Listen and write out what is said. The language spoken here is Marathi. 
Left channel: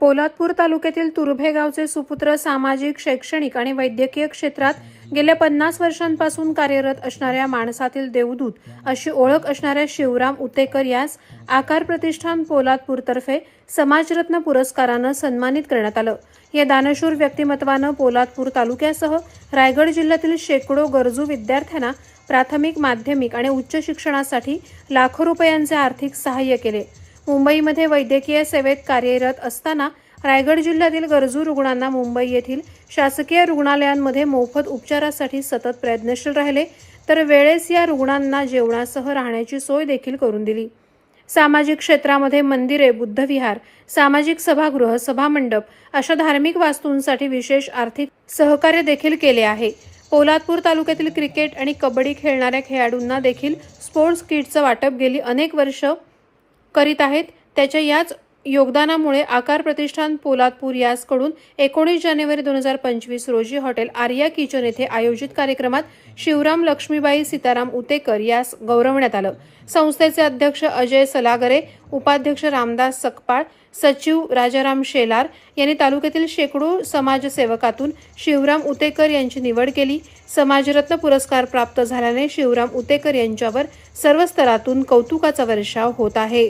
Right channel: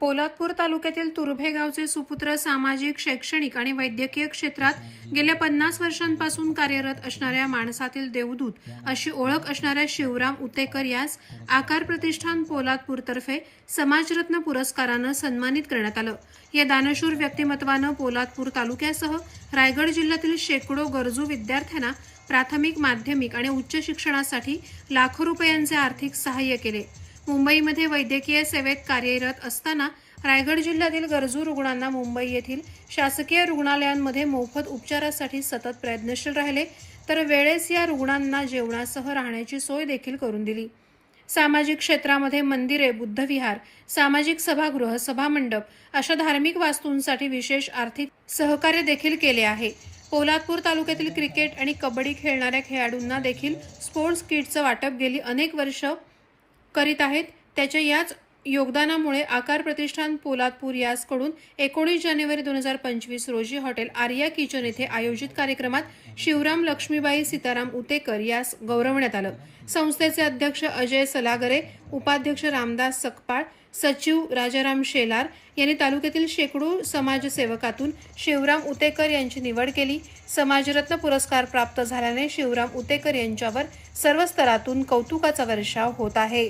पोलादपूर तालुक्यातील तुर्भे गावचे सुपुत्र सामाजिक शैक्षणिक आणि वैद्यकीय क्षेत्रात गेल्या पन्नास वर्षांपासून कार्यरत असणाऱ्या माणसातील देवदूत अशी ओळख असणाऱ्या शिवराम उतेकर यास आकार प्रतिष्ठान पोलादपूरतर्फे समाजरत्न पुरस्कारानं सन्मानित करण्यात आलं. या दानशूर व्यक्तिमत्वानं पोलादपूर तालुक्यासह रायगड जिल्ह्यातील शेकडो गरजू विद्यार्थ्यांना प्राथमिक माध्यमिक आणि उच्च शिक्षणासाठी लाखो रुपयांचे आर्थिक सहाय्य केले. मुंबईमध्ये वैद्यकीय सेवेत कार्यरत असताना रायगड जिल्ह्यातील गरजू रुग्णांना मुंबई येथील शासकीय रुग्णालयांमध्ये मोफत उपचारासाठी सतत प्रयत्नशील राहिले तर वेळेस या रुग्णांना जेवणासह राहण्याची सोय देखील करून दिली. सामाजिक क्षेत्रामध्ये मंदिरे बुद्धविहार सामाजिक सभागृह सभामंडप अशा धार्मिक वास्तूंसाठी विशेष आर्थिक सहकार्य देखील केले आहे. पोलादपूर तालुक्यातील क्रिकेट आणि कबड्डी खेळणाऱ्या खेळाडूंना देखील स्पोर्ट्स किटचं वाटप गेली अनेक वर्ष करीत आहेत. त्याच्या याच योगदानामुळे आकार प्रतिष्ठान पोलादपूर यासकडून एकोणीस जानेवारी दोन हजार पंचवीस रोजी हॉटेल आर्या किचन येथे आयोजित कार्यक्रमात शिवराम लक्ष्मीबाई सीताराम उतेकर यास गौरवण्यात आलं. संस्थेचे अध्यक्ष अजय सलागरे उपाध्यक्ष रामदास सकपाळ सचिव राजाराम शेलार यांनी तालुक्यातील शेकडो समाजसेवकातून शिवराम उतेकर यांची निवड केली. समाजरत्न पुरस्कार प्राप्त झाल्याने शिवराम उतेकर यांच्यावर सर्व स्तरातून कौतुकाचा वर्षाव होत आहे.